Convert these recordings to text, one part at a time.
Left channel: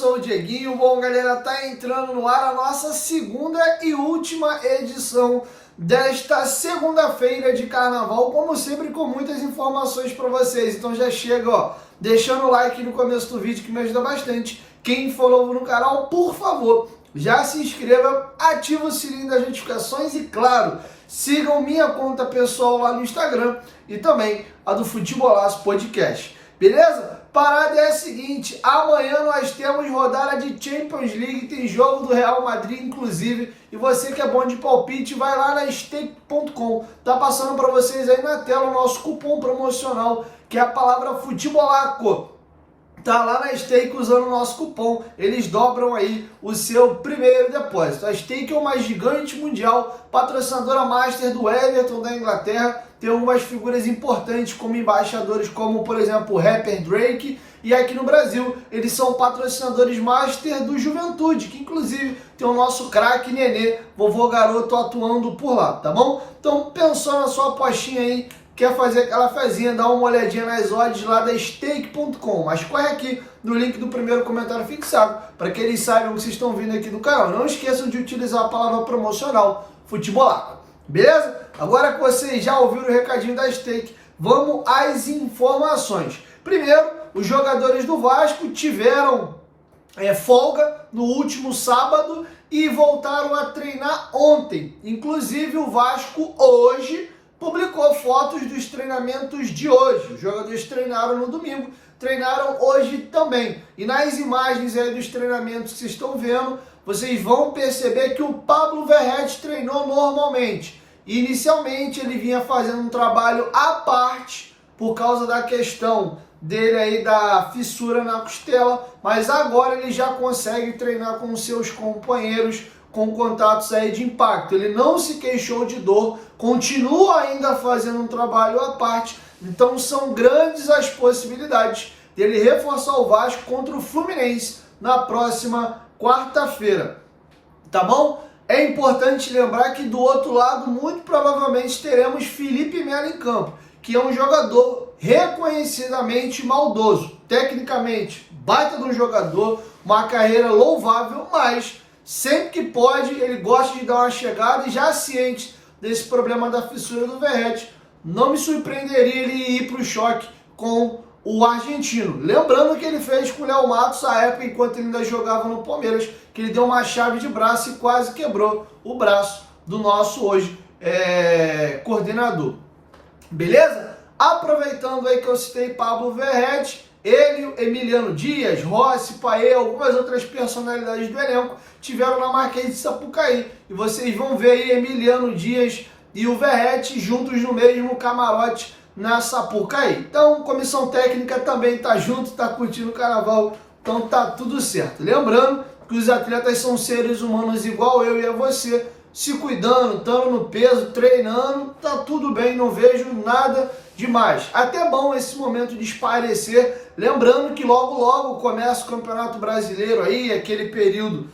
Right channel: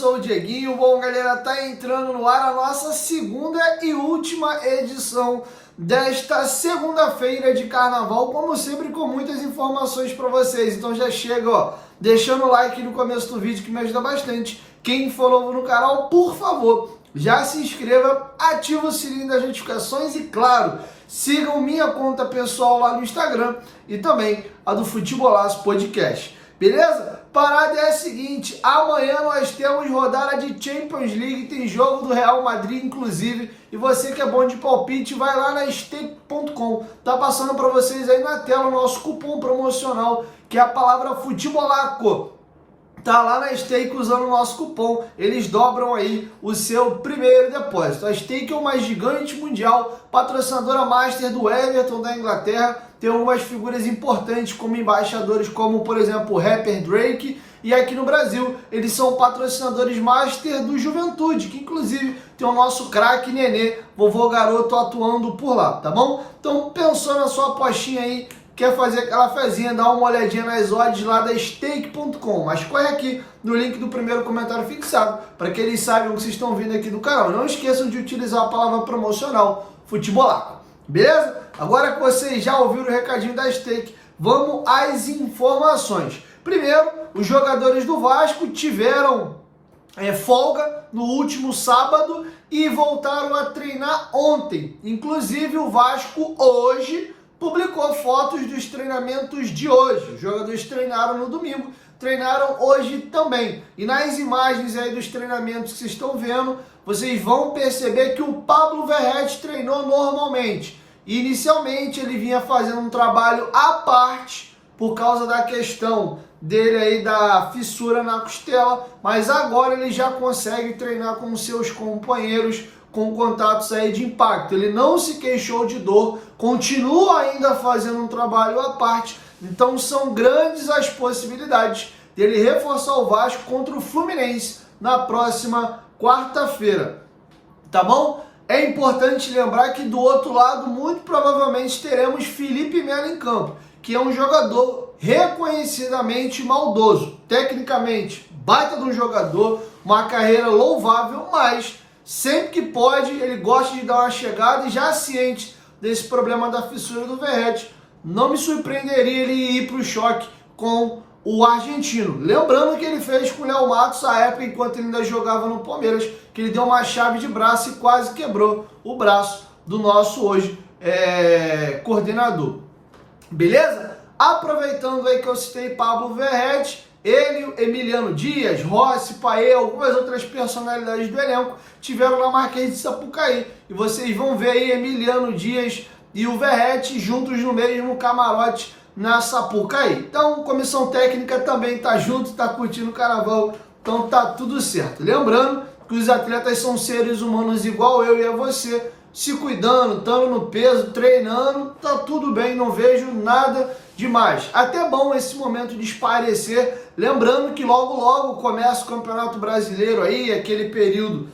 sou o Dieguinho. Bom, galera, tá entrando no ar a nossa segunda e última edição desta segunda-feira de carnaval, como sempre, com muitas informações para vocês. Então já chega, ó, deixando o like no começo do vídeo, que me ajuda bastante. Quem for novo no canal, por favor, já se inscreva, ativa o sininho das notificações e, claro, sigam minha conta pessoal lá no Instagram e também a do Futebolaço Podcast. Beleza? Parada é a seguinte, amanhã nós temos rodada de Champions League, tem jogo do Real Madrid, inclusive, e você que é bom de palpite, vai lá na stake.com, tá passando para vocês aí na tela o nosso cupom promocional, que é a palavra Futebolaco. Tá lá na Stake usando o nosso cupom, eles dobram aí o seu primeiro depósito. A Stake é uma gigante mundial, patrocinadora master do Everton da Inglaterra, tem algumas figuras importantes como embaixadores, como por exemplo o rapper Drake, e aqui no Brasil eles são patrocinadores master do Juventude, que inclusive tem o nosso craque Nenê, vovô garoto, atuando por lá, tá bom? Então pensou na sua apostinha aí, quer fazer aquela fezinha, dá uma olhadinha nas odds lá da stake.com, mas corre aqui no link do primeiro comentário fixado, para que eles saibam que vocês estão vindo aqui do canal. Não esqueçam de utilizar a palavra promocional Futebolaco, beleza? Agora que vocês já ouviram o recadinho da Stake, vamos às informações. Primeiro, os jogadores do Vasco tiveram folga no último sábado e voltaram a treinar ontem. Inclusive o Vasco hoje publicou fotos dos treinamentos de hoje. Os jogadores treinaram no domingo, treinaram hoje também. E nas imagens aí dos treinamentos que vocês estão vendo, vocês vão perceber que o Pablo Verratti treinou normalmente. Inicialmente ele vinha fazendo um trabalho à parte por causa da questão dele aí da fissura na costela, mas agora ele já consegue treinar com seus companheiros com contatos aí de impacto. Ele não se queixou de dor, continua ainda fazendo um trabalho à parte, então são grandes as possibilidades dele reforçar o Vasco contra o Fluminense na próxima quarta-feira, tá bom? É importante lembrar que do outro lado, muito provavelmente teremos Felipe Melo em campo, que é um jogador reconhecidamente maldoso, tecnicamente baita de um jogador, uma carreira louvável, mas sempre que pode, ele gosta de dar uma chegada e já ciente desse problema da fissura do Verratti, não me surpreenderia ele ir para o choque com o argentino. Lembrando que ele fez com o Léo Matos à época, enquanto ele ainda jogava no Palmeiras, que ele deu uma chave de braço e quase quebrou o braço do nosso hoje coordenador. Beleza? Aproveitando aí que eu citei Pablo Verratti, ele, Emiliano Dias, Rossi, Paê, algumas outras personalidades do elenco tiveram na Marquês de Sapucaí. E vocês vão ver aí Emiliano Dias e o Verratti juntos no mesmo camarote na Sapucaí. Então, comissão técnica também tá junto, tá curtindo o carnaval, então tá tudo certo. Lembrando que os atletas são seres humanos igual eu e a você, se cuidando, estando no peso, treinando, tá tudo bem, não vejo nada demais. Até bom esse momento de espairecer, lembrando que logo logo começa o Campeonato Brasileiro aí, aquele período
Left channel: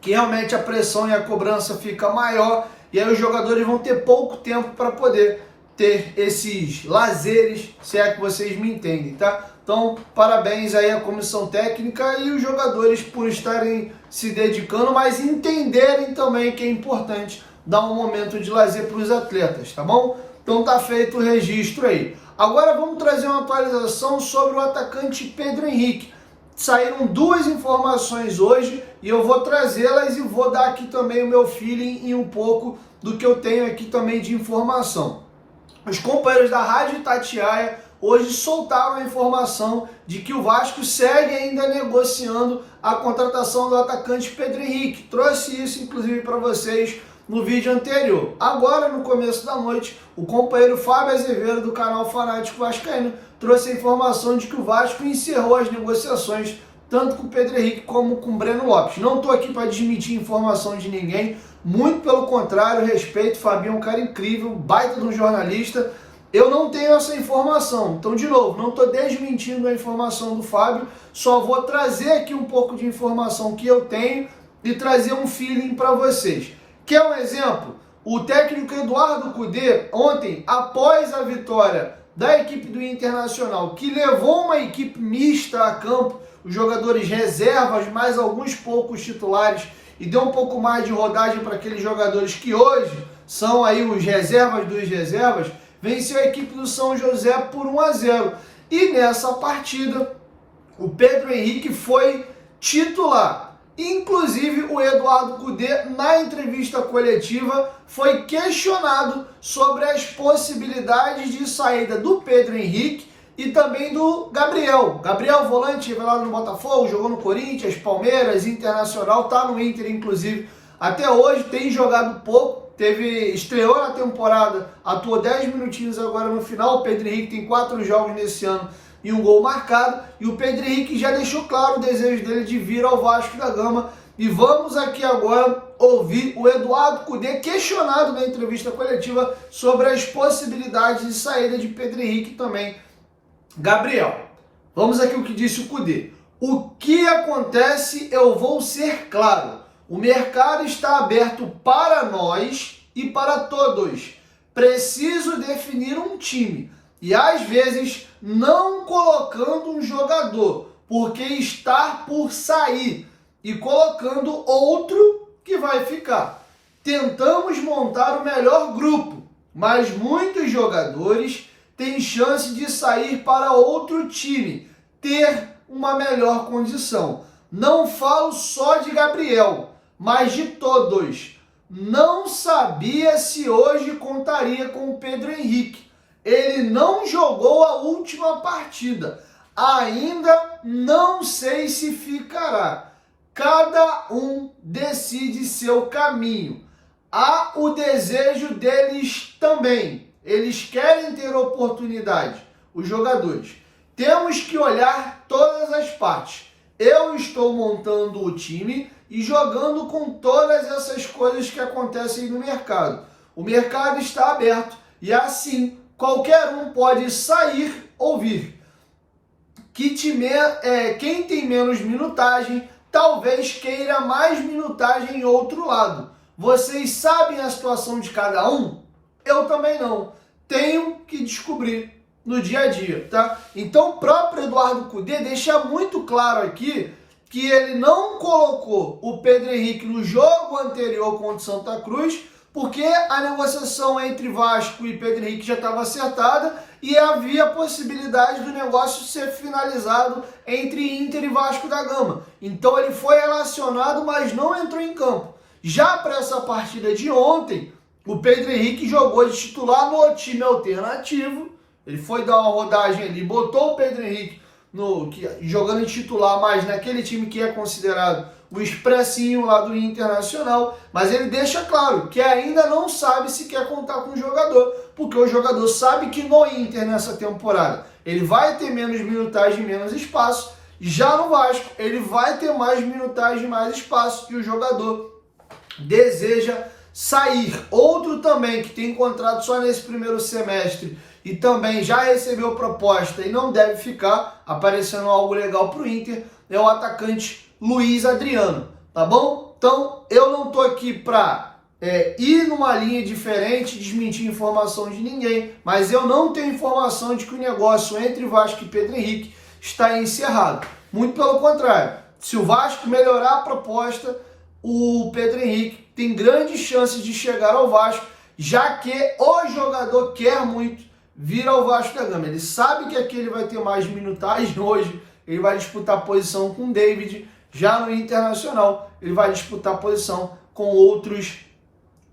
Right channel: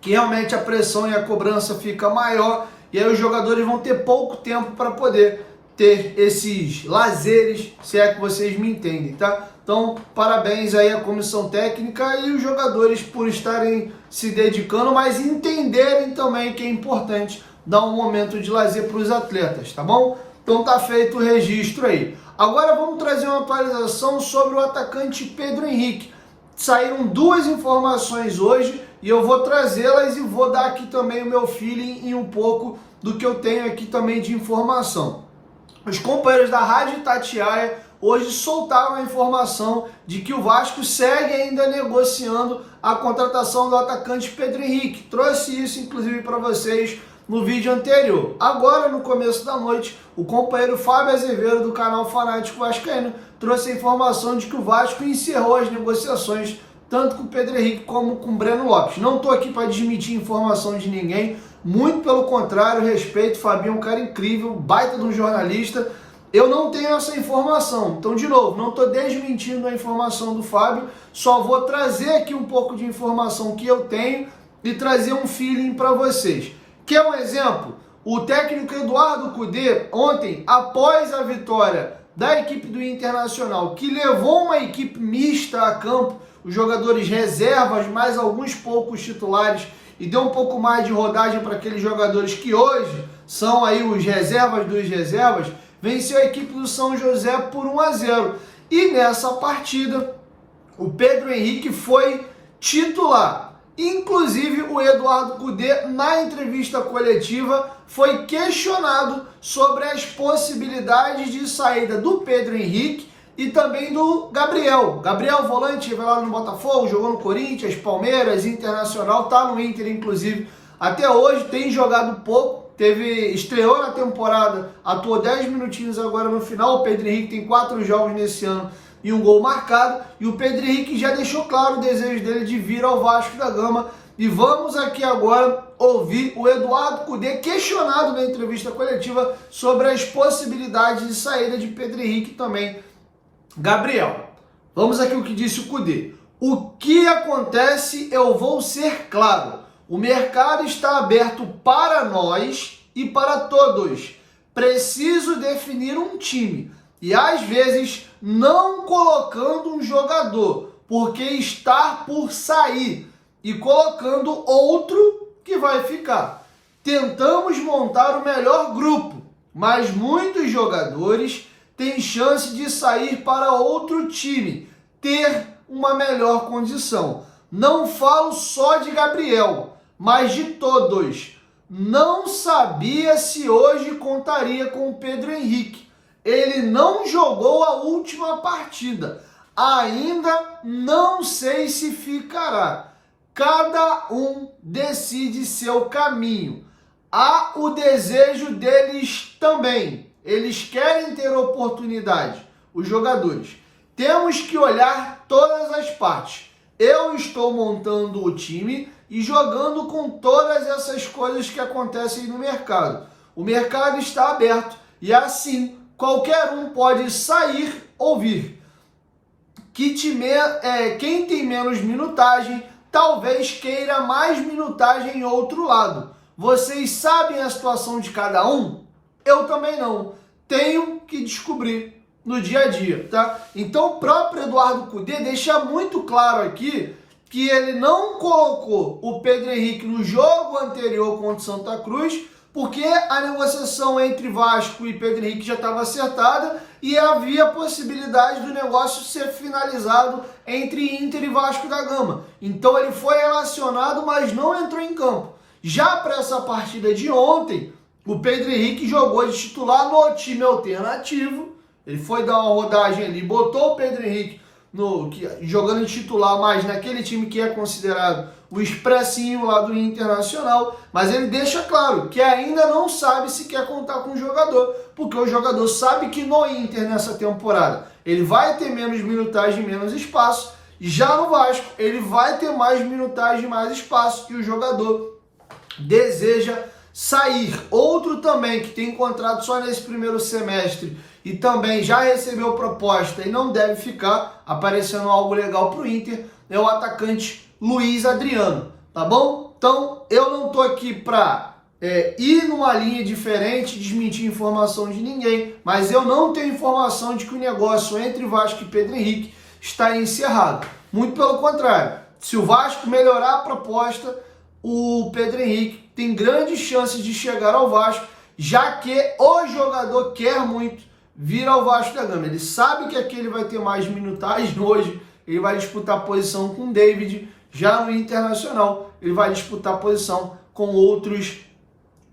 que realmente a pressão e a cobrança fica maior, e aí os jogadores vão ter pouco tempo para poder ter esses lazeres, se é que vocês me entendem, tá? Então, parabéns aí à comissão técnica e os jogadores por estarem se dedicando, mas entenderem também que é importante dar um momento de lazer para os atletas, tá bom? Então tá feito o registro aí. Agora vamos trazer uma atualização sobre o atacante Pedro Henrique. Saíram duas informações hoje e eu vou trazê-las e vou dar aqui também o meu feeling e um pouco do que eu tenho aqui também de informação. Os companheiros da Rádio Itatiaia hoje soltaram a informação de que o Vasco segue ainda negociando a contratação do atacante Pedro Henrique. Trouxe isso, inclusive, para vocês no vídeo anterior. Agora, no começo da noite, o companheiro Fábio Azevedo, do canal Fanático Vascaíno, trouxe a informação de que o Vasco encerrou as negociações tanto com o Pedro Henrique como com o Breno Lopes. Não estou aqui para desmentir informação de ninguém, muito pelo contrário, respeito, o Fabinho é um cara incrível, baita de um jornalista. Eu não tenho essa informação, então de novo, não estou desmentindo a informação do Fábio, só vou trazer aqui um pouco de informação que eu tenho e trazer um feeling para vocês. Quer um exemplo? O técnico Eduardo Cudê, ontem, após a vitória da equipe do Internacional, que levou uma equipe mista a campo, os jogadores reservas, mais alguns poucos titulares, e deu um pouco mais de rodagem para aqueles jogadores que hoje são aí os reservas dos reservas, venceu a equipe do São José por 1-0. E nessa partida, o Pedro Henrique foi titular. Inclusive, o Eduardo Cudê, na entrevista coletiva, foi questionado sobre as possibilidades de saída do Pedro Henrique e também do Gabriel. Gabriel, volante, revelado no Botafogo, jogou no Corinthians, Palmeiras, Internacional, tá no Inter, inclusive. Até hoje tem jogado pouco, estreou na temporada, atuou 10 minutinhos agora no final. O Pedro Henrique tem 4 jogos nesse ano e um gol marcado, e o Pedro Henrique já deixou claro o desejo dele de vir ao Vasco da Gama. E vamos aqui agora ouvir o Eduardo Cudê questionado na entrevista coletiva sobre as possibilidades de saída de Pedro Henrique também. Gabriel, vamos aqui o que disse o Cudê. O que acontece, eu vou ser claro. O mercado está aberto para nós e para todos. Preciso definir um time. E às vezes não colocando um jogador, porque está por sair, e colocando outro que vai ficar. Tentamos montar o melhor grupo, mas muitos jogadores têm chance de sair para outro time, ter uma melhor condição. Não falo só de Gabriel, mas de todos. Não sabia se hoje contaria com o Pedro Henrique. Ele não jogou a última partida. Ainda não sei se ficará. Cada um decide seu caminho. Há o desejo deles também. Eles querem ter oportunidade, os jogadores. Temos que olhar todas as partes. Eu estou montando o time e jogando com todas essas coisas que acontecem no mercado. O mercado está aberto e assim qualquer um pode sair ou vir. Quem tem menos minutagem talvez queira mais minutagem em outro lado. Vocês sabem a situação de cada um? Eu também não. Tenho que descobrir no dia a dia, tá? Então o próprio Eduardo Cudê deixa muito claro aqui que ele não colocou o Pedro Henrique no jogo anterior contra o Santa Cruz, porque a negociação entre Vasco e Pedro Henrique já estava acertada e havia a possibilidade do negócio ser finalizado entre Inter e Vasco da Gama. Então ele foi relacionado, mas não entrou em campo. Já para essa partida de ontem, o Pedro Henrique jogou de titular no time alternativo. Ele foi dar uma rodagem ali, botou o Pedro Henrique jogando de titular, mas naquele time que é considerado o expressinho lá do Internacional, mas ele deixa claro que ainda não sabe se quer contar com o jogador, porque o jogador sabe que no Inter nessa temporada ele vai ter menos minutagem, menos espaço, já no Vasco ele vai ter mais minutagem, mais espaço, e o jogador deseja sair. Outro também que tem contrato só nesse primeiro semestre e também já recebeu proposta e não deve ficar, aparecendo algo legal para o Inter, é o atacante Luiz Adriano, tá bom? Então, eu não tô aqui para ir numa linha diferente, desmentir informação de ninguém, mas eu não tenho informação de que o negócio entre Vasco e Pedro Henrique está encerrado. Muito pelo contrário, se o Vasco melhorar a proposta, o Pedro Henrique tem grandes chances de chegar ao Vasco, já que o jogador quer muito vir ao Vasco da Gama. Ele sabe que aqui ele vai ter mais minutagem hoje, ele vai disputar posição com o David. Já no Internacional, ele vai disputar posição com outros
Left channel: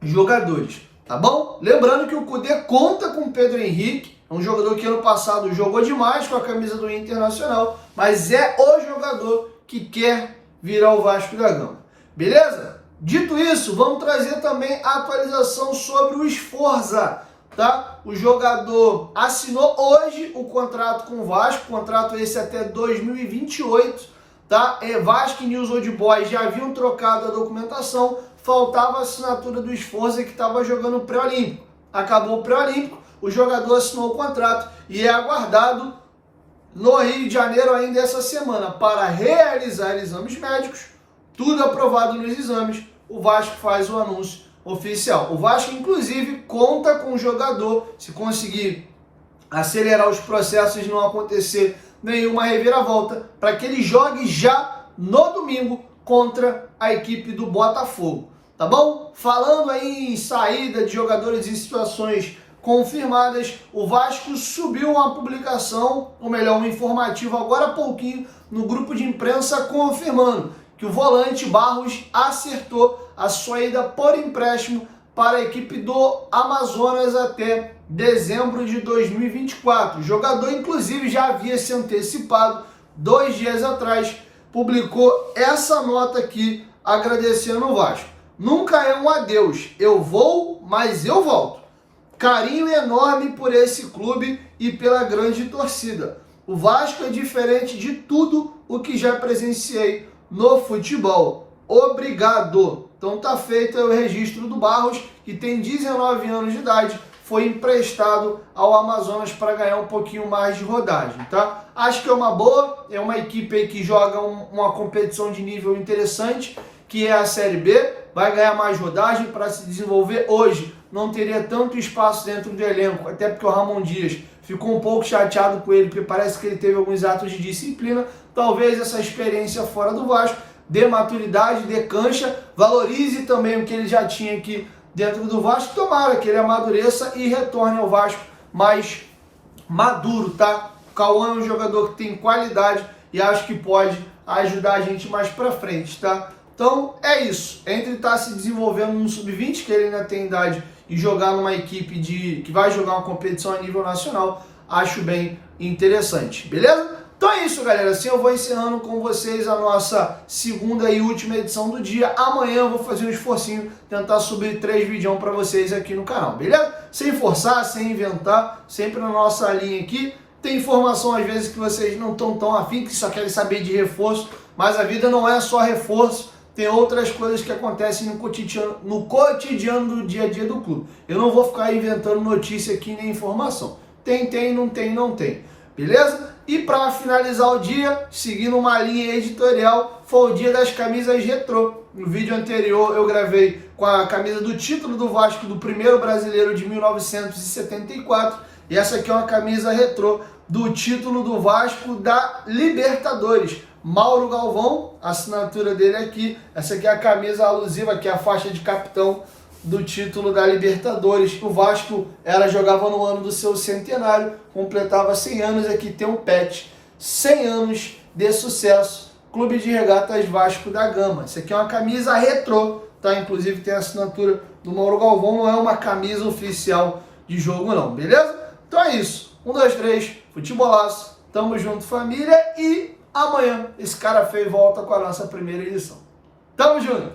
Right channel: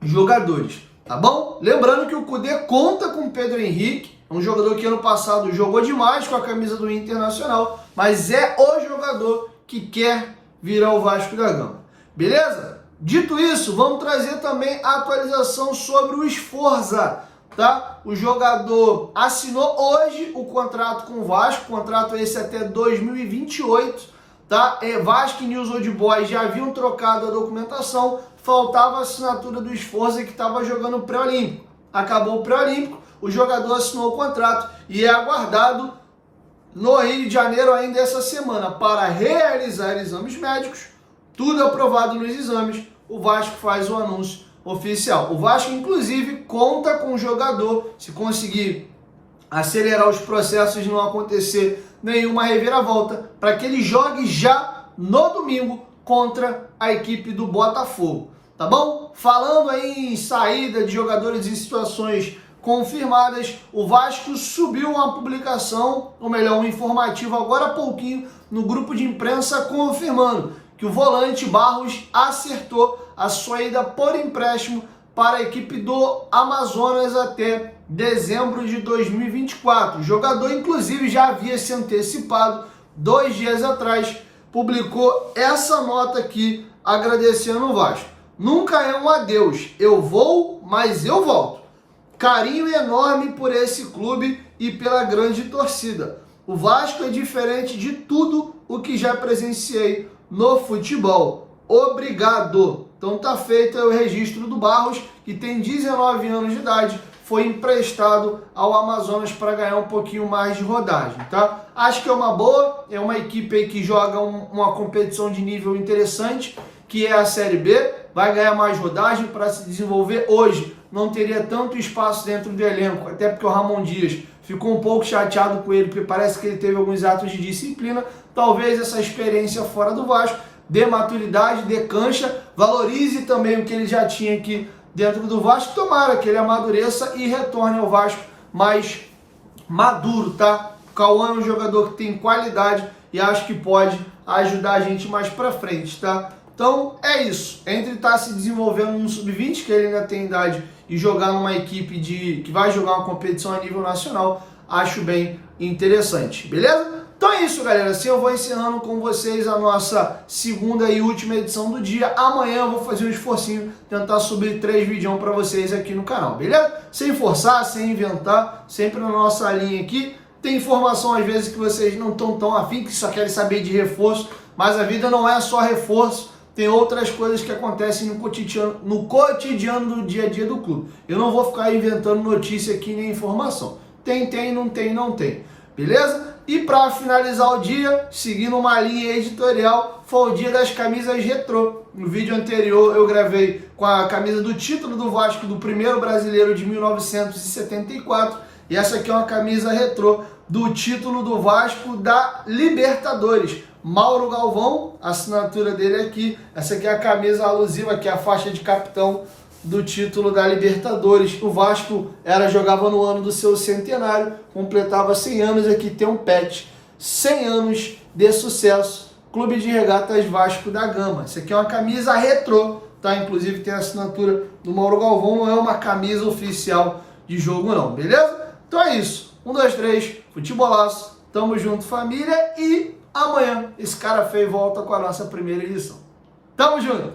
jogadores, tá bom? Lembrando que o Cudê conta com o Pedro Henrique, é um jogador que ano passado jogou demais com a camisa do Internacional, mas é o jogador que quer vir ao Vasco da Gama, beleza? Dito isso, vamos trazer também a atualização sobre o Sforza, tá? O jogador assinou hoje o contrato com o Vasco, contrato esse até 2028, tá? Vasco e News Old Boys já haviam trocado a documentação, faltava a assinatura do Sforza, que estava jogando pré-olímpico. Acabou o pré-olímpico, o jogador assinou o contrato e é aguardado no Rio de Janeiro ainda essa semana para realizar exames médicos. Tudo aprovado nos exames, o Vasco faz o anúncio oficial. O Vasco, inclusive, conta com o jogador, se conseguir acelerar os processos e não acontecer nenhuma reviravolta, para que ele jogue já no domingo contra a equipe do Botafogo, tá bom? Falando aí em saída de jogadores em situações confirmadas, o Vasco subiu uma publicação, ou melhor, um informativo agora há pouquinho, no grupo de imprensa confirmando que o volante Barros acertou a sua ida por empréstimo para a equipe do Amazonas até dezembro de 2024. O jogador, inclusive, já havia se antecipado 2 dias atrás, publicou essa nota aqui agradecendo o Vasco. Nunca é um adeus, eu vou, mas eu volto. Carinho enorme por esse clube e pela grande torcida. O Vasco é diferente de tudo o que já presenciei no futebol. Obrigado. Então tá feito o registro do Barros, que tem 19 anos de idade, foi emprestado ao Amazonas para ganhar um pouquinho mais de rodagem, tá? Acho que é uma boa, é uma equipe aí que joga uma competição de nível interessante, que é a Série B, vai ganhar mais rodagem para se desenvolver. Hoje não teria tanto espaço dentro do elenco, até porque o Ramon Dias ficou um pouco chateado com ele, porque parece que ele teve alguns atos de disciplina. Talvez essa experiência fora do Vasco dê maturidade, dê cancha, valorize também o que ele já tinha aqui dentro do Vasco. Tomara que ele amadureça e retorne ao Vasco mais maduro, tá? O Cauã é um jogador que tem qualidade e acho que pode ajudar a gente mais pra frente, tá? Então é isso. Entre estar se desenvolvendo no sub-20, que ele ainda tem idade, e jogar numa equipe que vai jogar uma competição a nível nacional, acho bem interessante, beleza? Então é isso, galera. Assim eu vou encerrando com vocês a nossa segunda e última edição do dia. Amanhã eu vou fazer um esforcinho, tentar subir 3 vídeos para vocês aqui no canal, beleza? Sem forçar, sem inventar, sempre na nossa linha aqui. Tem informação às vezes que vocês não estão tão afim, que só querem saber de reforço, mas a vida não é só reforço. Tem outras coisas que acontecem no cotidiano do dia a dia do clube. Eu não vou ficar inventando notícia aqui nem informação. Tem, não tem. Beleza? E para finalizar o dia, seguindo uma linha editorial, foi o dia das camisas retrô. No vídeo anterior eu gravei com a camisa do título do Vasco do primeiro brasileiro de 1974. E essa aqui é uma camisa retrô do título do Vasco da Libertadores. Mauro Galvão, a assinatura dele aqui. Essa aqui é a camisa alusiva, que é a faixa de capitão do título da Libertadores. O Vasco jogava no ano do seu centenário, completava 100 anos. Aqui tem um patch, 100 anos de sucesso, Clube de Regatas Vasco da Gama. Essa aqui é uma camisa retrô, tá? Inclusive tem a assinatura do Mauro Galvão, não é uma camisa oficial de jogo não, beleza? Então é isso, 1, 2, 3, futebolaço, tamo junto família, e amanhã esse cara feio volta com a nossa primeira edição. Tamo junto!